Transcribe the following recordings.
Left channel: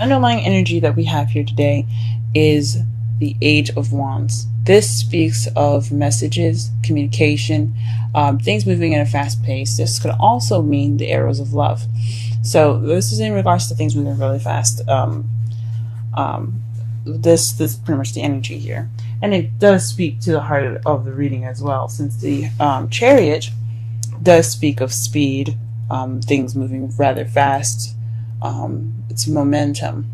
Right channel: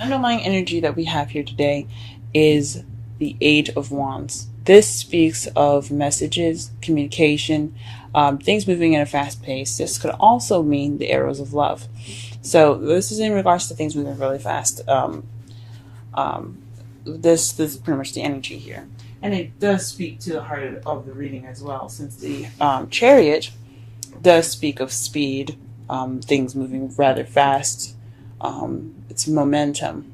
underlying energy that we have here today is the Age of Wands. This speaks of messages, communication, things moving at a fast pace. This could also mean the arrows of love. So this is in regards to things moving really fast. This is pretty much the energy here. And it does speak to the heart of the reading as well, since the Chariot does speak of speed, things moving rather fast, it's momentum,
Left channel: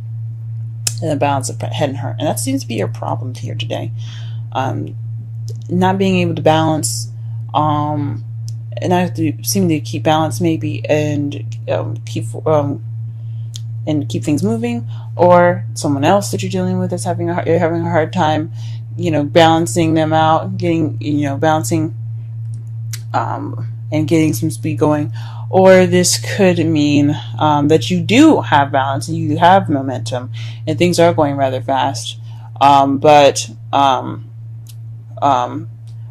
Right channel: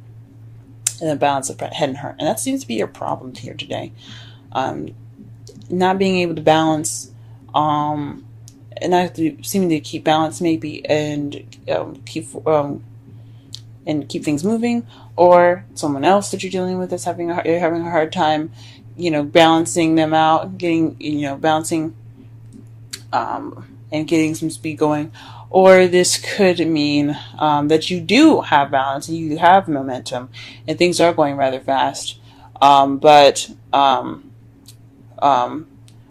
and a balance of head and heart. And that seems to be your problem here today. Not being able to balance, and not seeming to keep balance maybe, and keep things moving, or someone else that you're dealing with is having you're having a hard time, balancing them out, getting, balancing, and getting some speed going. Or this could mean that you do have balance, and you have momentum, and things are going rather fast.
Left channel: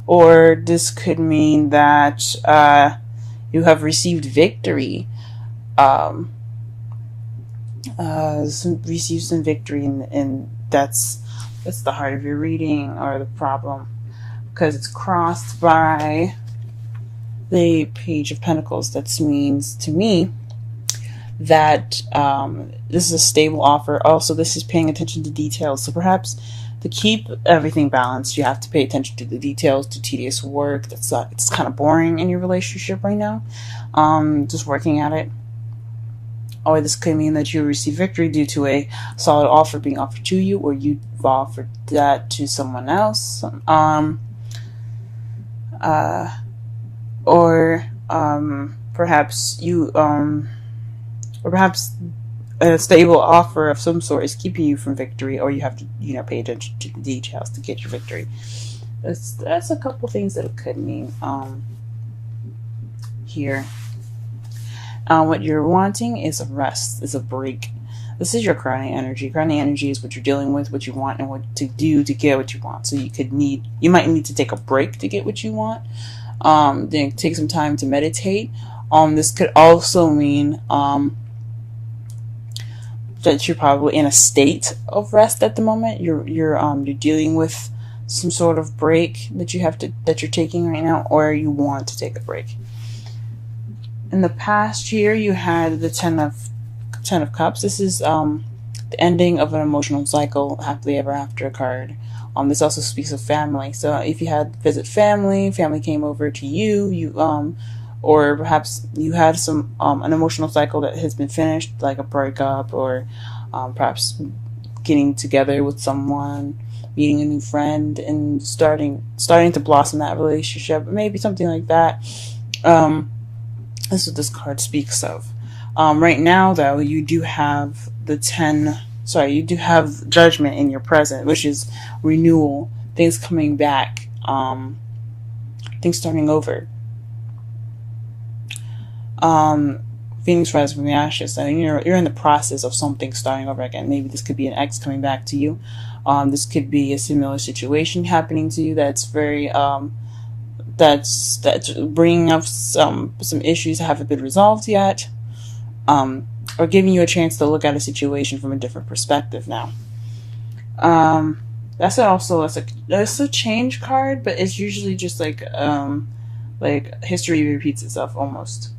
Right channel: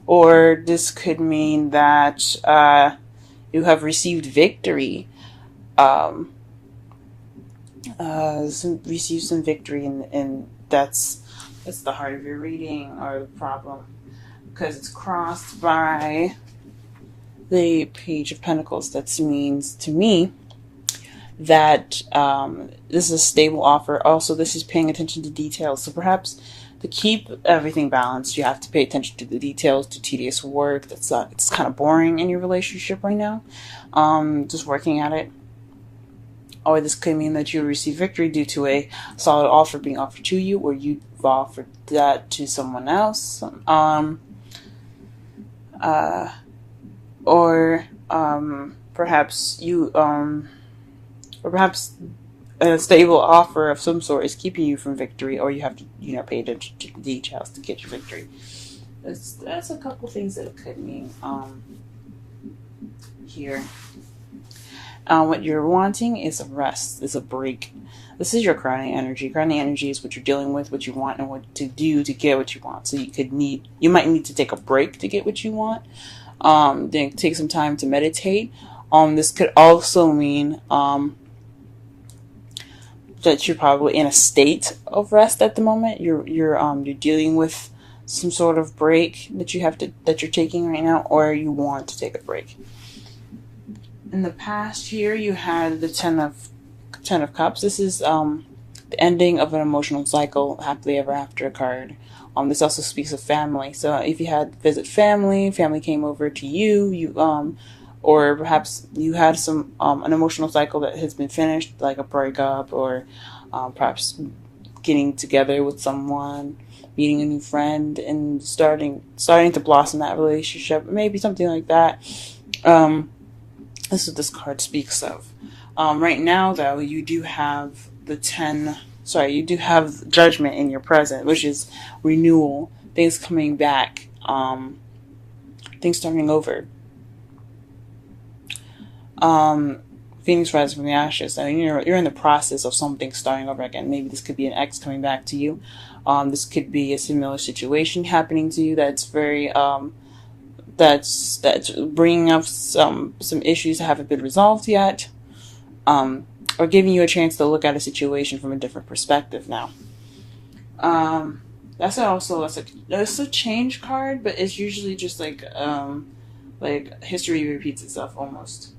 Or this could mean that you have received victory. Receive some victory, and that's the heart of your reading, or the problem, because it's crossed by the Page of Pentacles. That means to me that this is a stable offer. Also, this is paying attention to details. So perhaps to keep everything balanced, you have to pay attention to the details, to tedious work it's kind of boring in your relationship right now. Just working at it. Or this could mean that you receive victory due to a solid offer being offered to you, or you've offered that to someone else. Perhaps a stable offer of some sort is keeping you from victory, or you have to, pay attention to the details to get your victory. That's a couple things that it could mean here. What you're wanting is a rest, is a break. This is your crowning energy. Crowning energy is what you're dealing with, what you want, and what to do to get what you want. So you might need to take a break to get what you want. Then take some time to meditate. This could also mean that you're probably in a state of rest at the moment. You're dealing with some sort of break that you're taking right now, or you want to take a break. In the past year, you had the Ten of Cups. This is the ending of an emotional cycle, happily ever after card. This also speaks of family. So if you had visit family came over to you, or perhaps you had some an emotional cycle that has been finished, like a breakup, or perhaps getting together with someone, meeting a new friend, and starting to blossom that relationship, maybe something like that. This is what this card speaks of. Right now, though, you do have you do have Judgment in your present, which is renewal, things coming back, things starting over. Phoenix rising from the ashes, and you're in the process of something starting over again. Maybe this could be an ex coming back to you. This could be a similar situation happening to you that's very that's bringing up some issues that haven't been resolved yet, or giving you a chance to look at a situation from a different perspective now. That's a change card, but it's usually just like history repeats itself almost.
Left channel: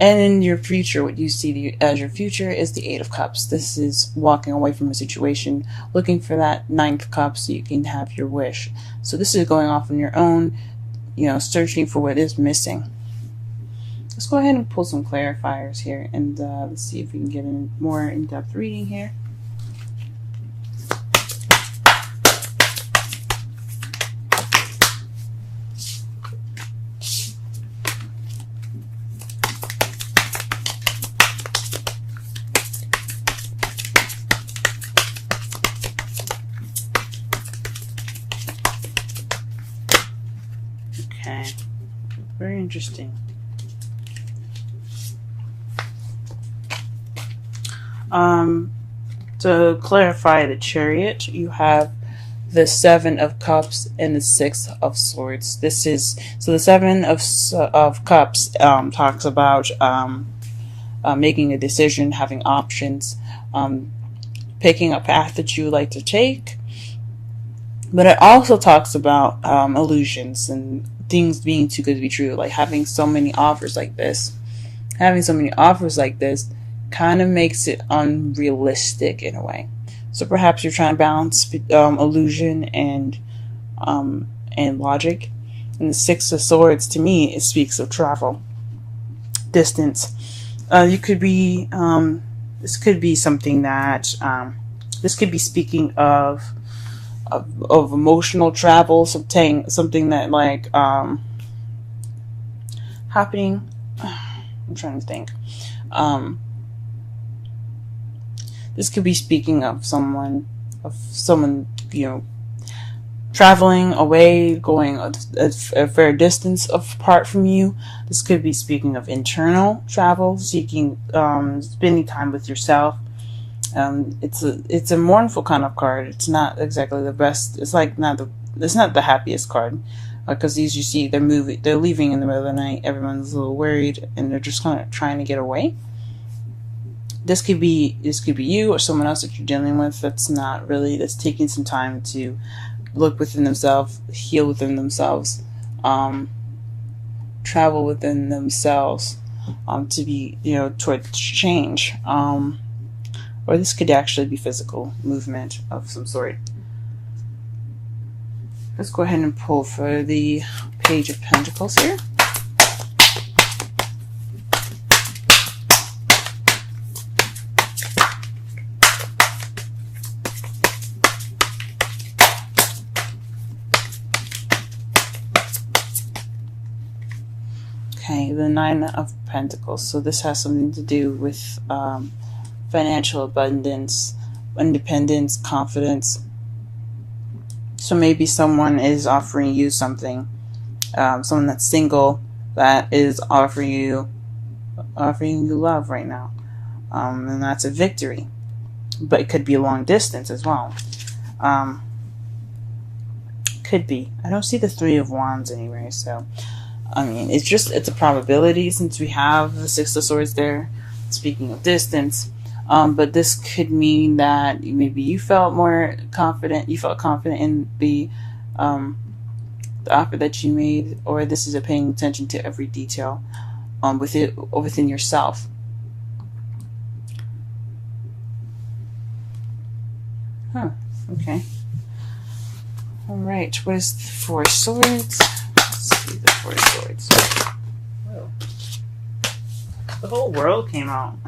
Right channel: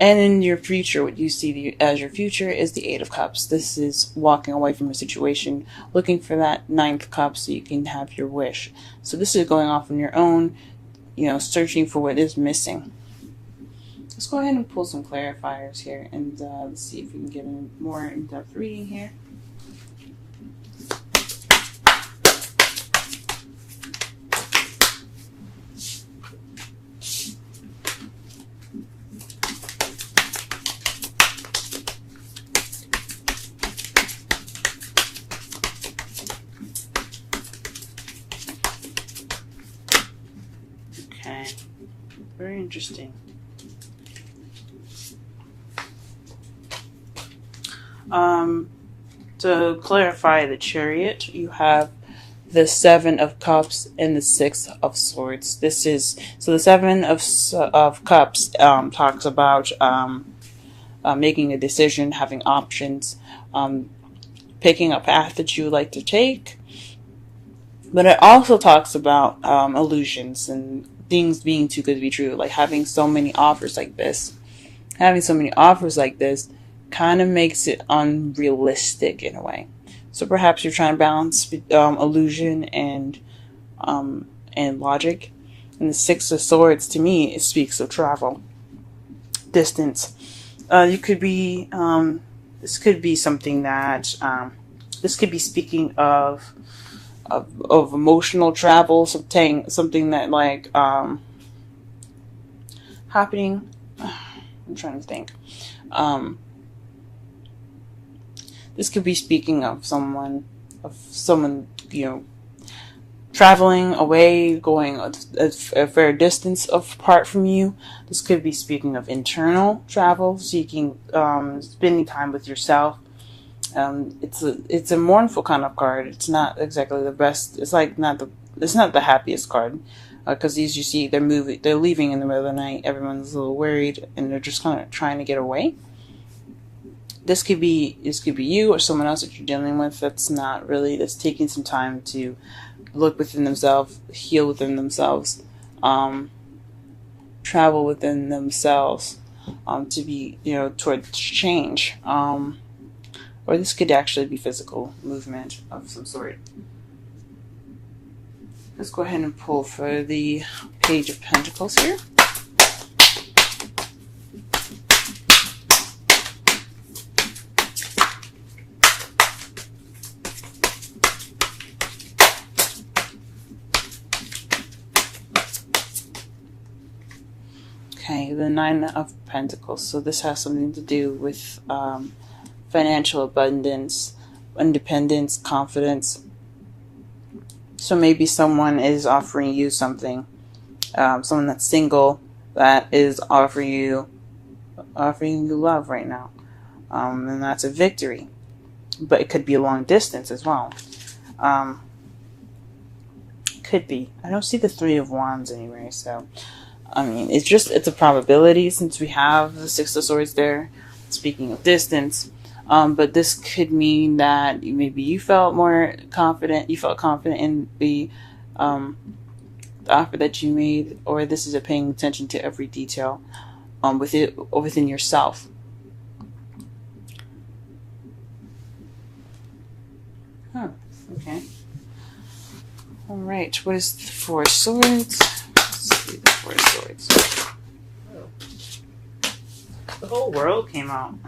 And in your future, what you see as your future is the Eight of Cups. This is walking away from a situation, looking for that Ninth Cup so you can have your wish. So this is going off on your own, searching for what is missing. Let's go ahead and pull some clarifiers here, and let's see if we can get a more in-depth reading here. Okay, very interesting. To clarify the Chariot, you have the Seven of Cups and the Six of Swords. This is so the Seven of Cups talks about making a decision, having options, picking a path that you like to take. But it also talks about illusions and things being too good to be true, like having so many offers like this. Having so many offers like this kind of makes it unrealistic in a way. So perhaps you're trying to balance illusion and logic. And the Six of Swords, to me, it speaks of travel, distance. You could be this could be something that this could be speaking of emotional travel, something that like happening. I'm trying to think. This could be speaking of someone, traveling away, going a fair distance apart from you. This could be speaking of internal travel, seeking, spending time with yourself. It's a mournful kind of card. It's not exactly the best. It's not the happiest card, because these, you see, they're leaving in the middle of the night. Everyone's a little worried and they're just kind of trying to get away. This could be you or someone else that you're dealing with that's taking some time to look within themselves, heal within themselves, travel within themselves, to be, towards change. Or this could actually be physical movement of some sort. Let's go ahead and pull for the Page of Pentacles here. Okay, the Nine of Pentacles. So this has something to do with financial abundance, independence, confidence. So maybe someone is offering you something. Someone that's single that is offering you love right now, and that's a victory. But it could be a long distance as well. Could be. I don't see the Three of Wands anyway, so I mean, it's a probability since we have the Six of Swords there. Speaking of distance, but this could mean that maybe you felt more confident. You felt confident in the offer that you made, or this is a paying attention to every detail within yourself. Huh. Okay. All right. What is the Four of Swords? Let's see the Four of Swords. The whole world came out.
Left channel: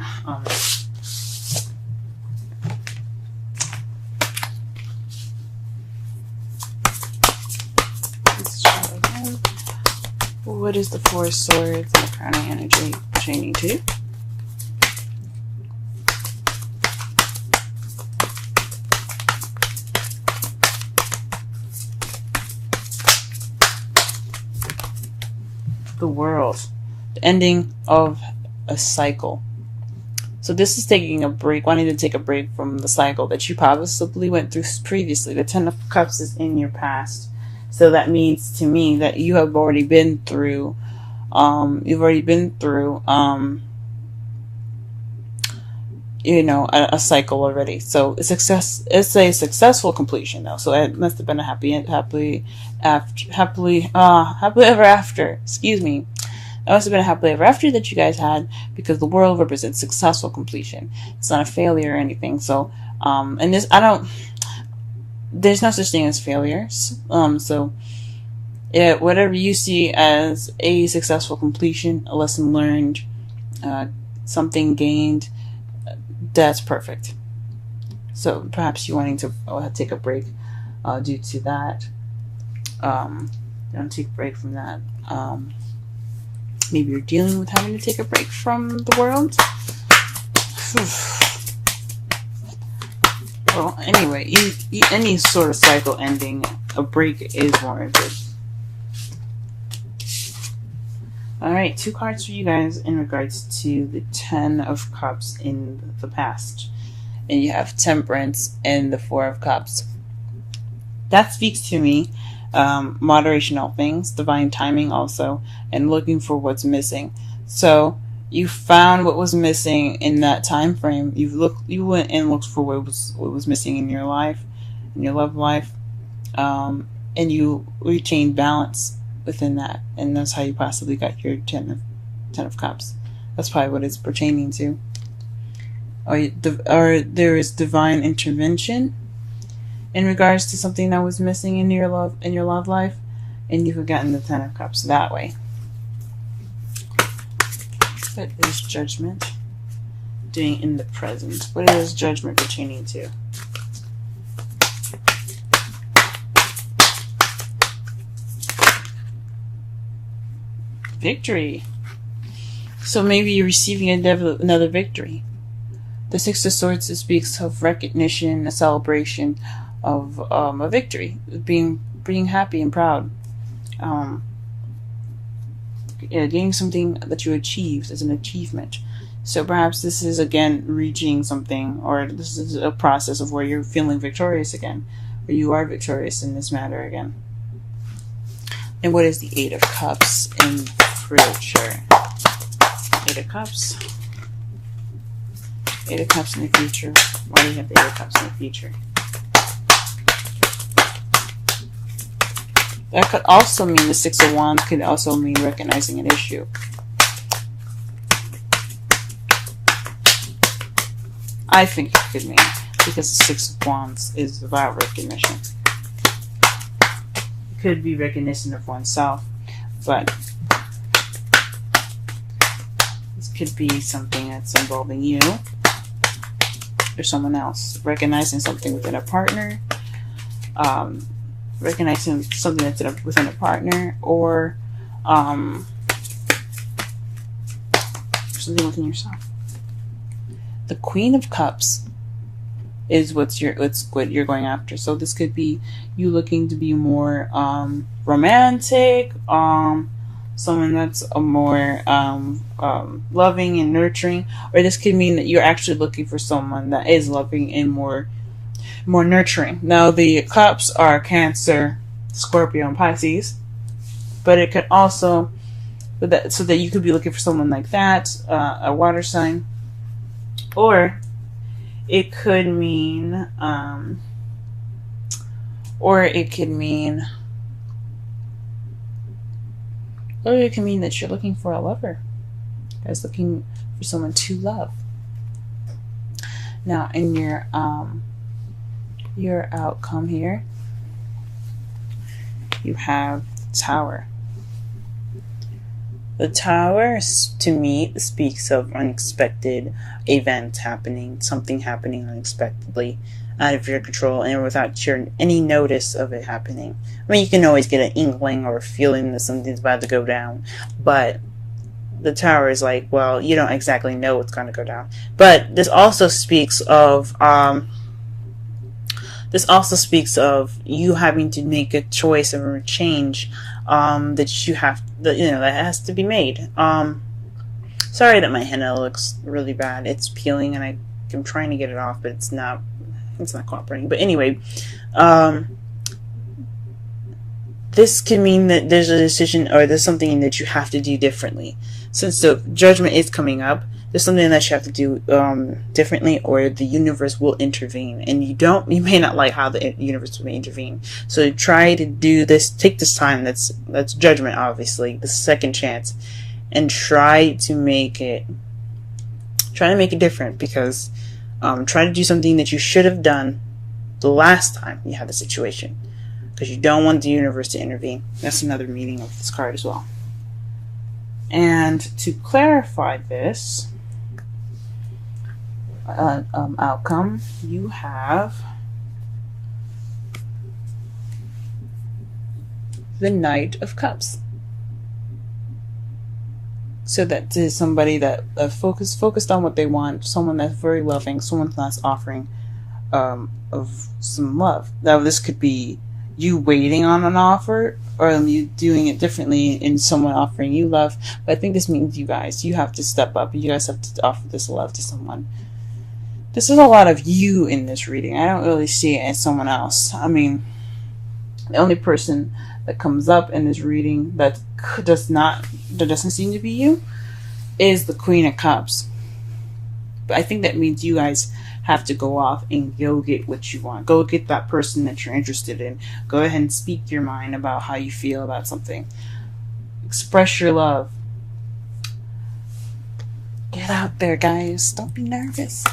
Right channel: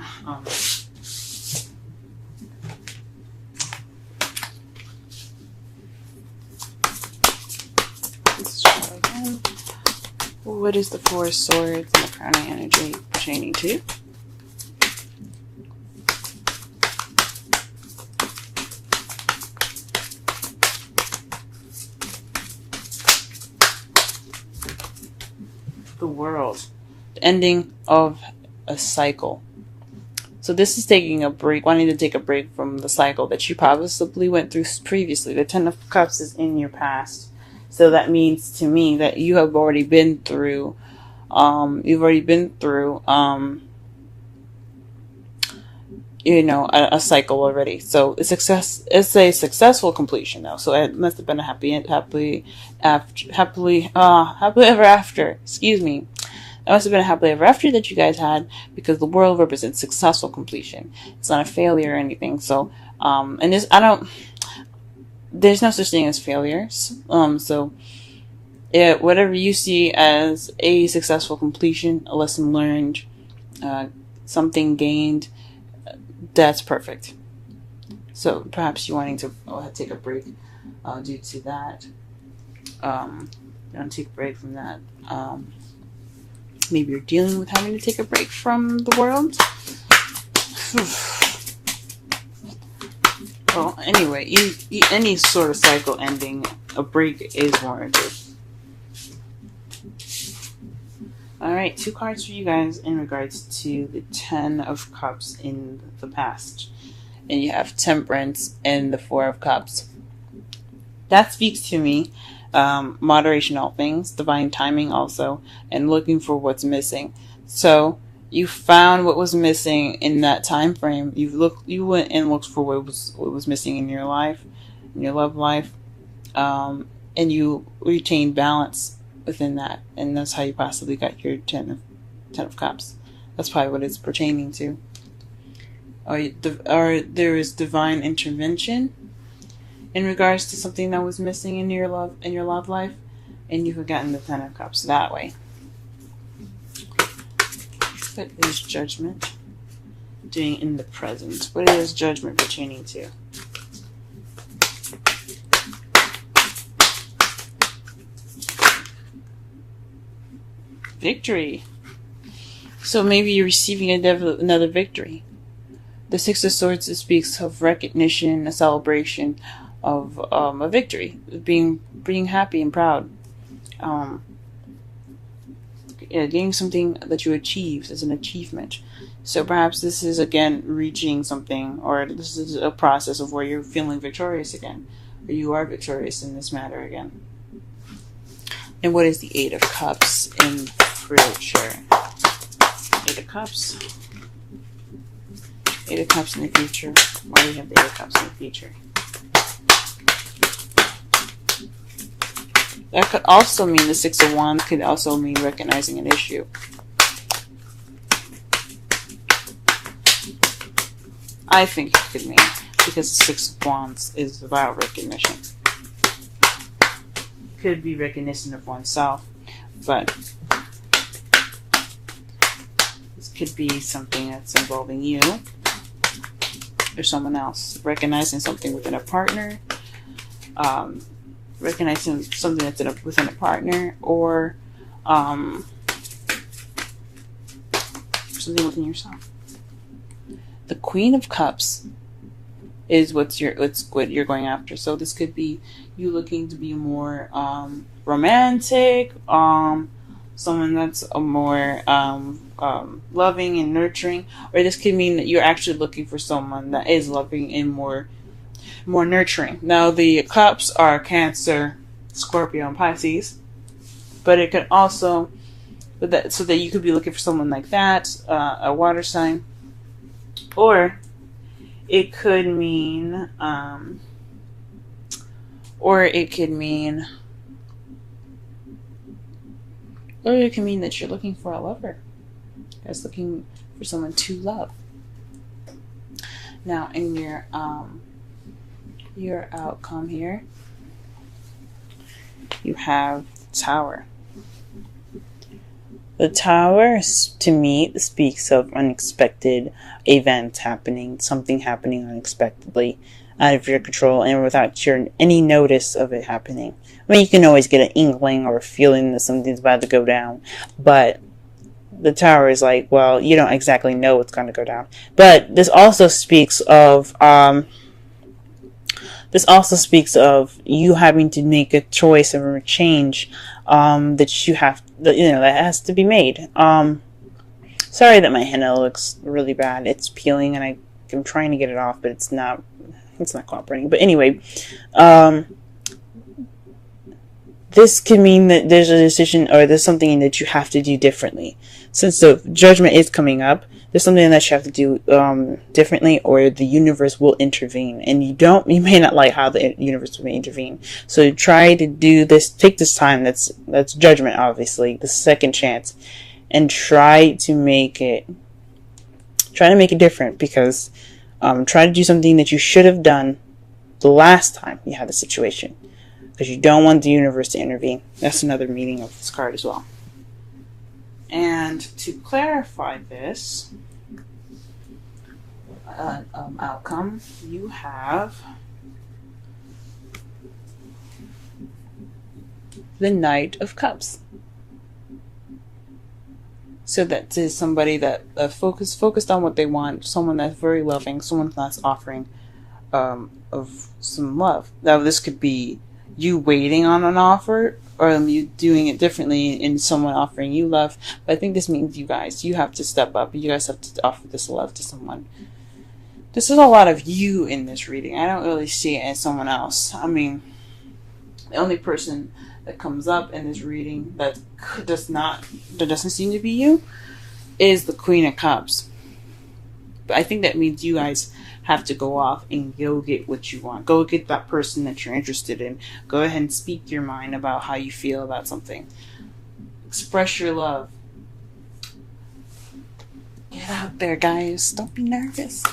Let's try again. What is the Four of Swords and the Crown of Energy chaining to? The World. The ending of a cycle. So this is taking a break, wanting to take a break from the cycle that you probably went through previously. The Ten of Cups is in your past. So that means to me that you have already been through, a cycle already. So it's a successful completion now. So it must have been a happily ever after. Excuse me. It must have been a happily ever after that you guys had, because the world represents successful completion. It's not a failure or anything. So, there's no such thing as failures. So, yeah, whatever you see as a successful completion, a lesson learned, something gained, that's perfect. So perhaps you're wanting to take a break due to that. Don't take a break from that. Maybe you're dealing with having to take a break from the world. Well, anyway, any sort of cycle ending, a break is warranted. Alright, 2 cards for you guys in regards to the Ten of Cups in the past. And you have Temperance and the Four of Cups. That speaks to me. Moderation, all things, divine timing also, and looking for what's missing. So you found what was missing in that time frame. You went and looked for what was missing in your life, in your love life, and you retained balance within that, and that's how you possibly got your ten of cups. That's probably what it's pertaining to. Or there is divine intervention in regards to something that was missing in your love life, and you've gotten the Ten of Cups that way. What is judgment doing in the present? What is judgment pertaining to? Victory. So maybe you're receiving another victory. The Six of Swords speaks of recognition, a celebration of a victory, being happy and proud, getting something that you achieved as an achievement. So perhaps this is again reaching something, or this is a process of where you're feeling victorious again, or you are victorious in this matter again. And what is the Eight of Cups in future? Eight of Cups. Eight of Cups in the future. Why do you have the Eight of Cups in the future? That could also mean the Six of Wands could also mean recognizing an issue. I think it could mean, because the Six of Wands is about recognition. It could be recognition of oneself, but this could be something that's involving you or someone else. Recognizing something within a partner, recognizing something that's within a partner, or something within yourself. The Queen of Cups is what you're going after. So this could be you looking to be more romantic, someone that's a more loving and nurturing, or this could mean that you're actually looking for someone that is loving and more nurturing. Now the cups are Cancer, Scorpio, and Pisces, but it could also, so that you could be looking for someone like that, a water sign, or it could mean, that you're looking for a lover. You're just looking for someone to love. Now, in your outcome here, you have the Tower. The Tower, to me, speaks of unexpected events happening, something happening unexpectedly, out of your control, and without any notice of it happening. I mean, you can always get an inkling or a feeling that something's about to go down, but the Tower is like, well, you don't exactly know what's going to go down. But this also speaks of you having to make a choice or a change that has to be made. Sorry that my henna looks really bad. It's peeling, and I'm trying to get it off, but it's not cooperating. But anyway, this can mean that there's a decision, or there's something that you have to do differently. Since the judgment is coming up, there's something that you have to do differently, or the universe will intervene. And you may not like how the universe will intervene. So try to do this, take this time, that's judgment, obviously, the second chance, and try to make it different, because try to do something that you should have done the last time you had the situation, because you don't want the universe to intervene. That's another meaning of this card as well. And to clarify this outcome, you have the Knight of Cups. So that is somebody that focused on what they want, someone that's very loving, someone that's offering of some love. Now this could be you waiting on an offer, or you doing it differently and someone offering you love. But I think this means you have to step up, and you guys have to offer this love to someone. This is a lot of you in this reading. I don't really see it as someone else. I mean, The only person that comes up in this reading that doesn't seem to be you is the Queen of Cups. But I think that means you guys have to go off and go get what you want. Go get that person that you're interested in. Go ahead and speak your mind about how you feel about something. Express your love. Get out there, guys. Don't be nervous.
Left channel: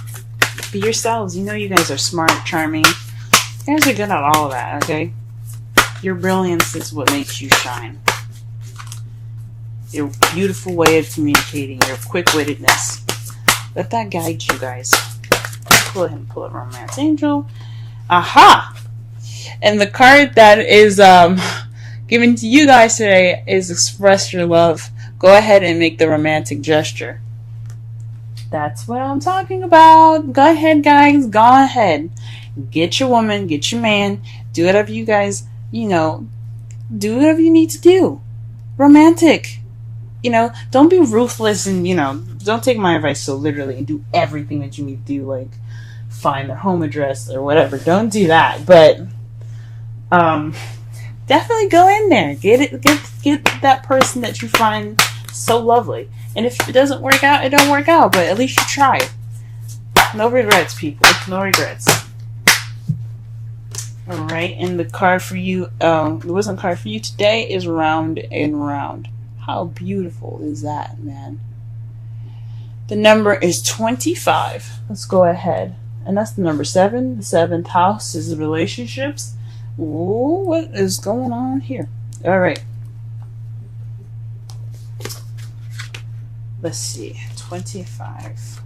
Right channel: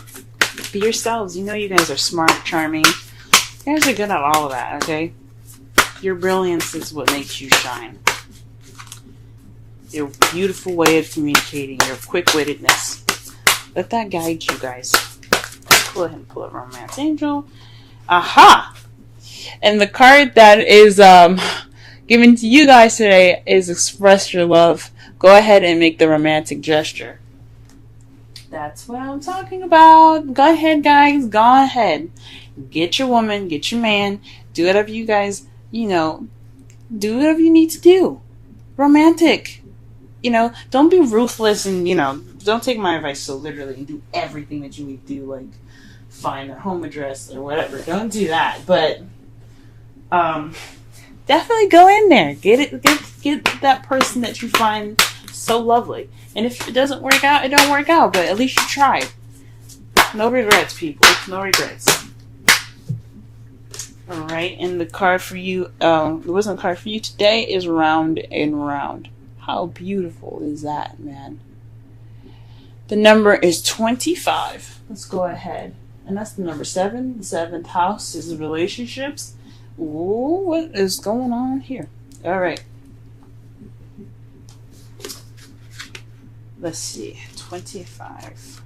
Be yourselves. You know you guys are smart, charming. You guys are good at all of that, okay? Your brilliance is what makes you shine. Your beautiful way of communicating, your quick-wittedness. Let that guide you guys. Go ahead and pull up Romance Angel. Aha! And the card that is given to you guys today is Express Your Love. Go ahead and make the romantic gesture. That's what I'm talking about. Go ahead, guys. Go ahead. Get your woman, get your man. Do whatever you guys, do whatever you need to do. Romantic. Don't be ruthless and, don't take my advice so literally and do everything that you need to do, like find their home address or whatever. Don't do that. But definitely go in there. Get that person that you find so lovely. And if it doesn't work out, it don't work out. But at least you tried. No regrets, people. No regrets. Alright, and the card for you, the wisdom card for you today is Round and Round. How beautiful is that, man? The number is 25. Let's go ahead. And that's the number 7. The 7th house is the relationships. Ooh, what is going on here? Alright. Let's see. 25.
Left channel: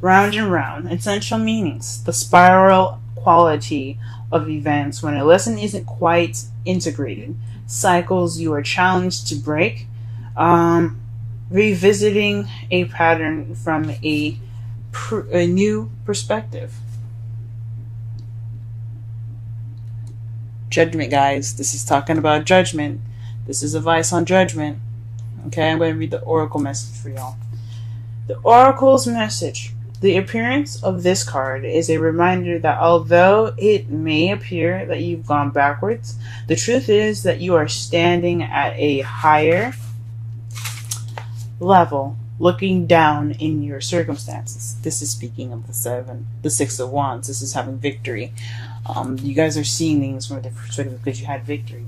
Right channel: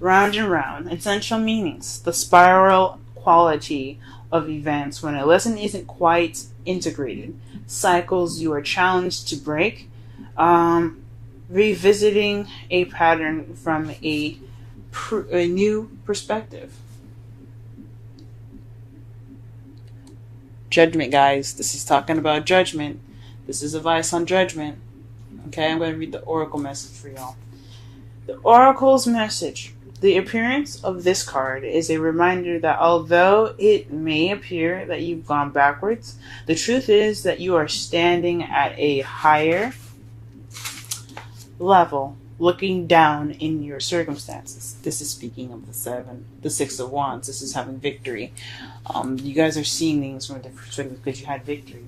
Round and round. Essential meanings. The spiral quality of events when a lesson isn't quite integrated. Cycles you are challenged to break. Revisiting a pattern from a new perspective. Judgment, guys. This is talking about judgment. This is advice on judgment. Okay, I'm going to read the oracle message for y'all. The oracle's message. The appearance of this card is a reminder that although it may appear that you've gone backwards, the truth is that you are standing at a higher level, looking down in your circumstances. This is speaking of the 6 of Wands. This is having victory. You guys are seeing things from a different perspective because you had victory.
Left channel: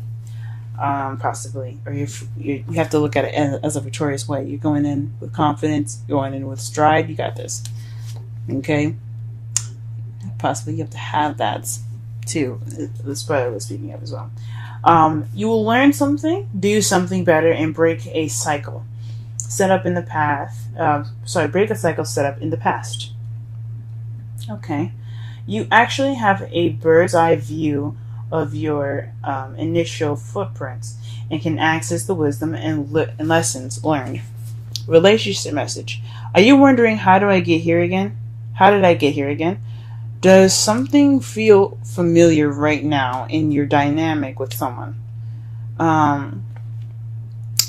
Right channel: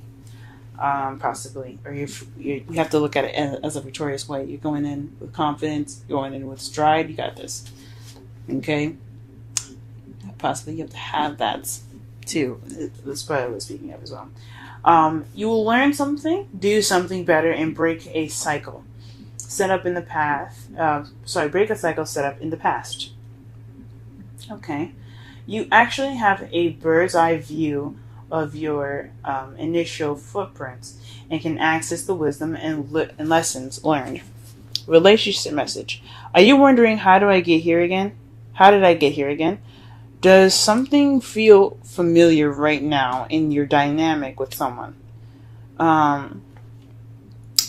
Possibly, or if you have to look at it as a victorious way. You're going in with confidence, going in with stride. You got this. Okay, possibly you have to have that too. That's what I was speaking of as well. You will learn something, do something better, and break a cycle set up in the past. Break a cycle set up in the past. Okay, you actually have a bird's eye view of your initial footprints and can access the wisdom and lessons learned. Relationship message. Are you wondering, how do I get here again? How did I get here again? Does something feel familiar right now in your dynamic with someone?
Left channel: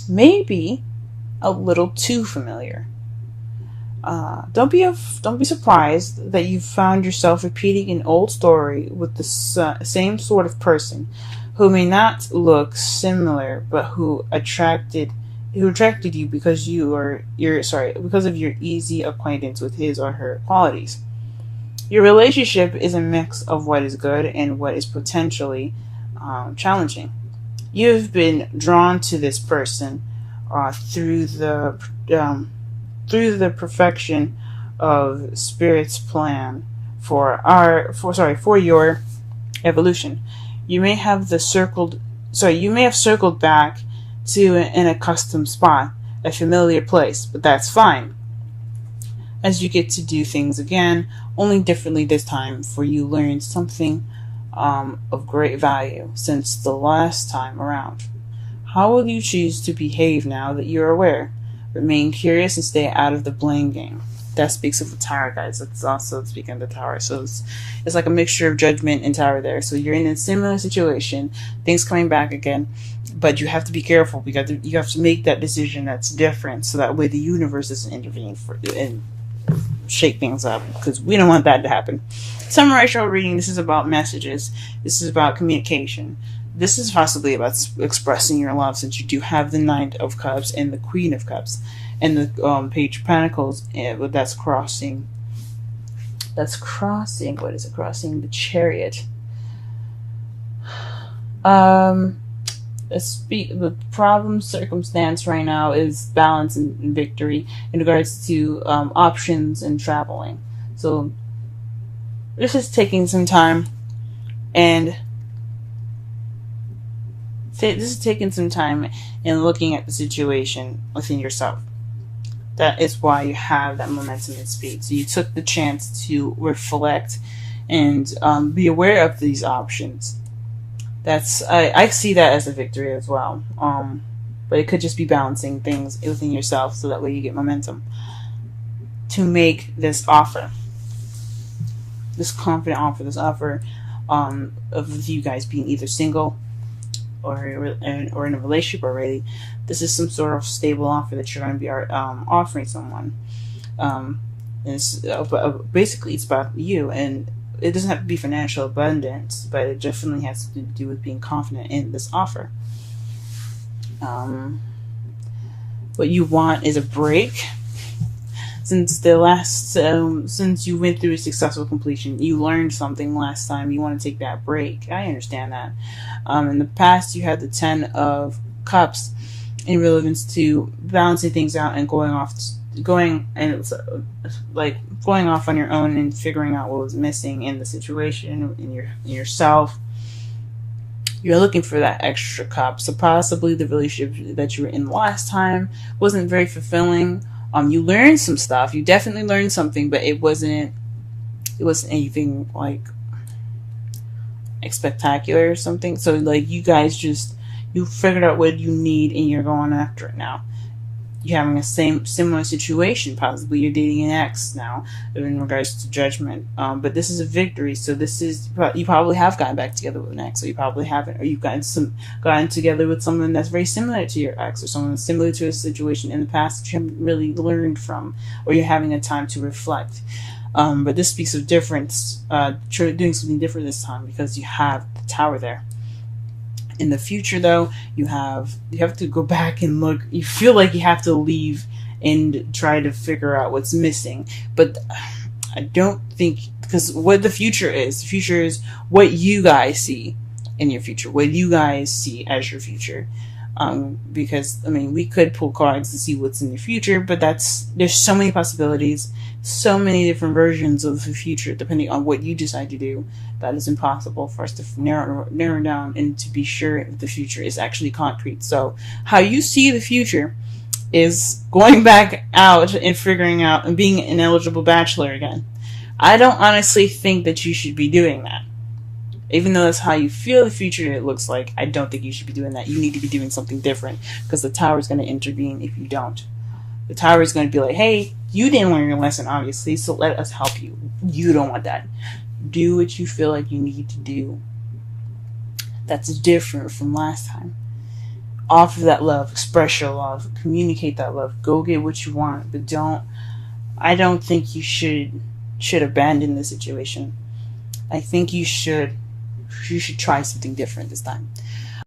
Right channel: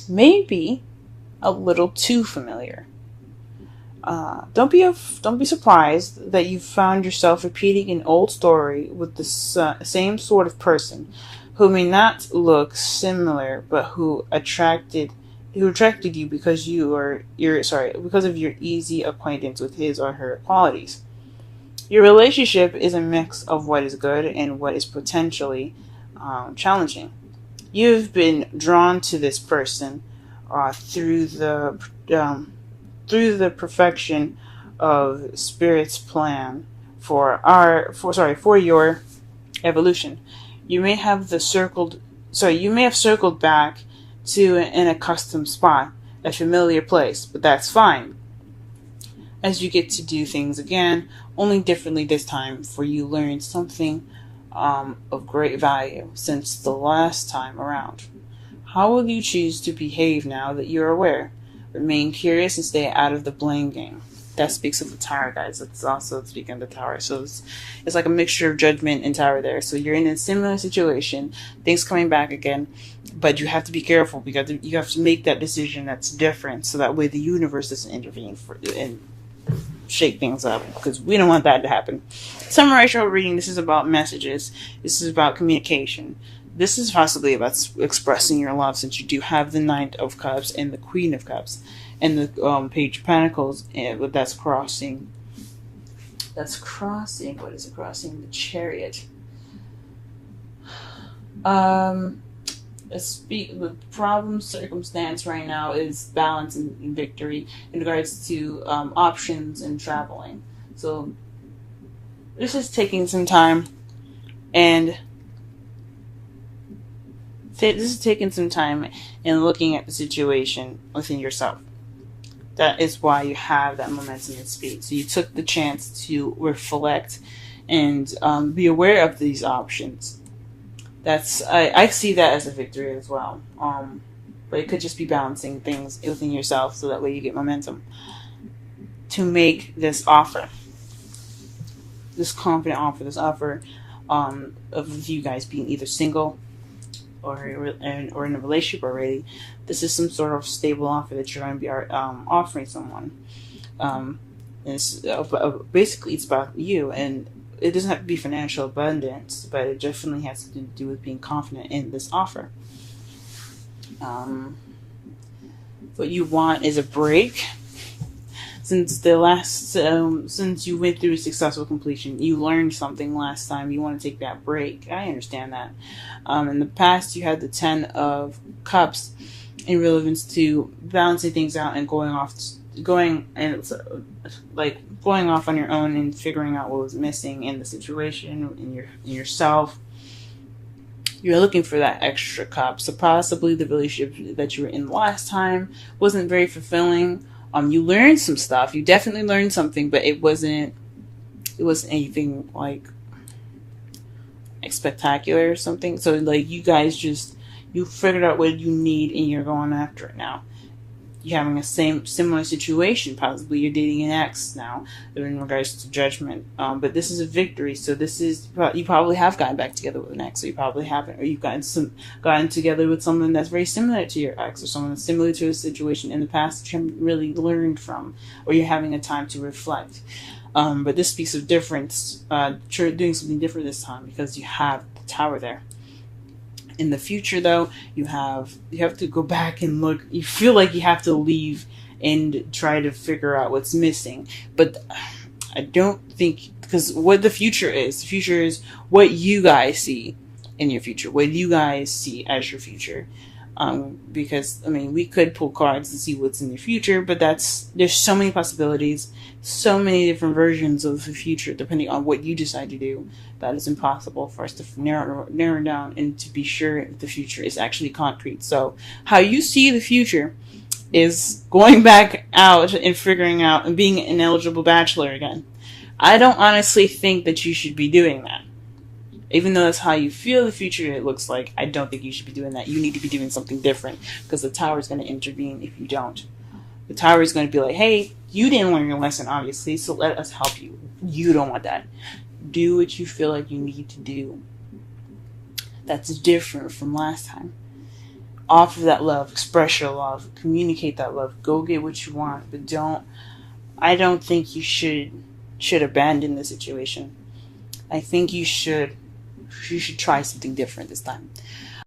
Maybe a little too familiar. Don't be surprised that you found yourself repeating an old story with the same sort of person who may not look similar, but who attracted you because because of your easy acquaintance with his or her qualities. Your relationship is a mix of what is good and what is potentially challenging. You've been drawn to this person through the perfection of Spirit's plan for your evolution. You may have circled back to an accustomed spot, a familiar place, but that's fine. As you get to do things again, only differently this time, for you learned something of great value since the last time around. How will you choose to behave now that you're aware? Remain curious and stay out of the blame game. That speaks of the Tower, guys. That's also speaking of the Tower. So it's like a mixture of Judgment and Tower there. So you're in a similar situation, things coming back again, but you have to be careful because you have to make that decision that's different, so that way the universe doesn't intervene for you. shake things up, because we don't want that to happen. Summary reading, this is about messages. This is about communication. This is possibly about expressing your love, since you do have the Knight of Cups and the Queen of Cups and the Page of Pentacles. That's crossing. That's crossing. What is it crossing? The Chariot. The problem circumstance right now is balance and victory in regards to options and traveling. So this is taking some time, and looking at the situation within yourself. That is why you have that momentum and speed. So you took the chance to reflect and be aware of these options. I see that as a victory as well. But it could just be balancing things within yourself, so that way you get momentum to make this offer, this confident offer, this offer of you guys being either single or in a relationship already. This is some sort of stable offer that you're going to be offering someone. Basically, it's about you, and it doesn't have to be financial abundance, but it definitely has to do with being confident in this offer. What you want is a break. Since you went through a successful completion, you learned something last time. You want to take that break. I understand that. In the past, you had the 10 of Cups in relevance to balancing things out and going off on your own and figuring out what was missing in the situation, in yourself. You're looking for that extra cup. So possibly the relationship that you were in last time wasn't very fulfilling. You learned some stuff. You definitely learned something, but it wasn't anything like spectacular or something. So like you guys you figured out what you need and you're going after it now. You're having a similar situation. Possibly you're dating an ex now in regards to judgment. But this is a victory. So you probably have gotten back together with an ex, or you probably haven't, or you've gotten together with someone that's very similar to your ex, or someone that's similar to a situation in the past that you haven't really learned from, or you're having a time to reflect. But this speaks of difference. Doing something different this time, because you have the Tower there. In the future, though, you have to go back and look. You feel like you have to leave and try to figure out what's missing. But I don't think, because what the future is what you guys see in your future, what you guys see as your future. Because we could pull cards to see what's in the future, but there's so many possibilities, so many different versions of the future, depending on what you decide to do. That is impossible for us to narrow down and to be sure if the future is actually concrete. So how you see the future is going back out and figuring out and being an eligible bachelor again. I don't honestly think that you should be doing that. Even though that's how you feel the future it looks like, I don't think you should be doing that. You need to be doing something different, because the Tower is going to intervene if you don't. The Tower is going to be like, hey, you didn't learn your lesson, obviously, so let us help you. You don't want that. Do what you feel like you need to do. That's different from last time. Offer that love. Express your love. Communicate that love. Go get what you want, but I don't think you should abandon the situation. I think you should try something different this time.